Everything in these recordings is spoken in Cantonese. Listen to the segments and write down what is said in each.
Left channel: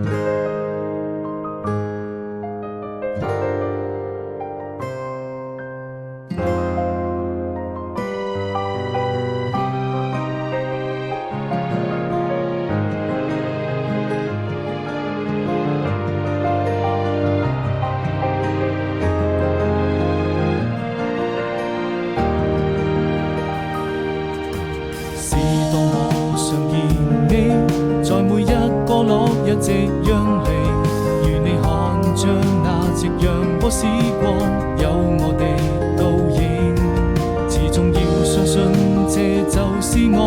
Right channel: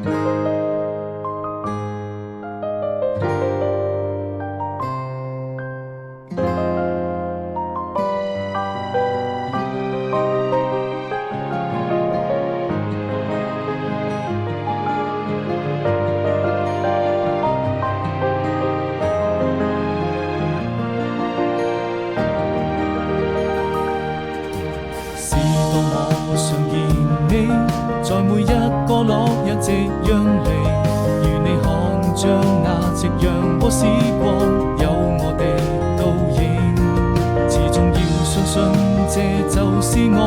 是當我想見你，在每一個落日夕陽裡，如你看着那夕陽和時光，有我的倒影。始終要相信，這就是我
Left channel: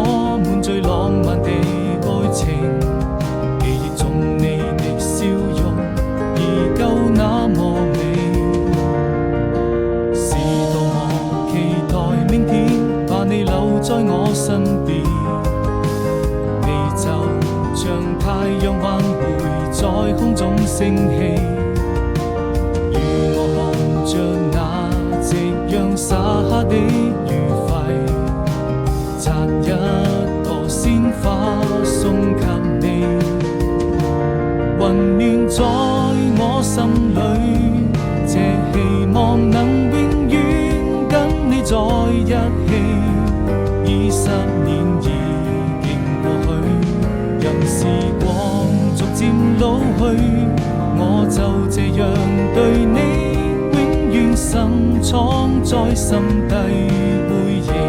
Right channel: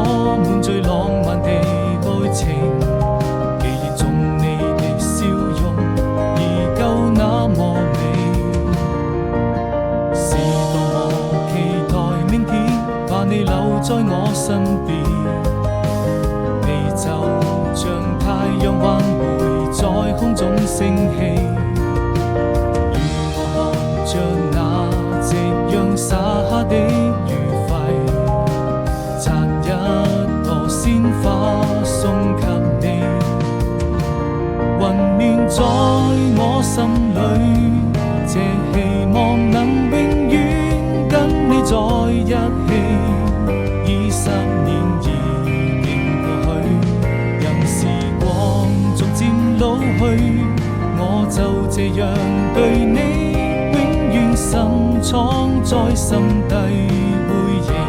們最浪漫的愛情。記憶中你的笑容，依舊那麼美。是多麼期待明天，把你留在我身邊。你就像太陽還會在空中升起，與我看着那夕陽灑下的餘暉，摘一朵鮮花送給你，溫暖在我心裡，這希望能永遠跟你在一起。20年已經過去，任時光逐漸老去，我就這樣對你永遠深藏在心底回憶。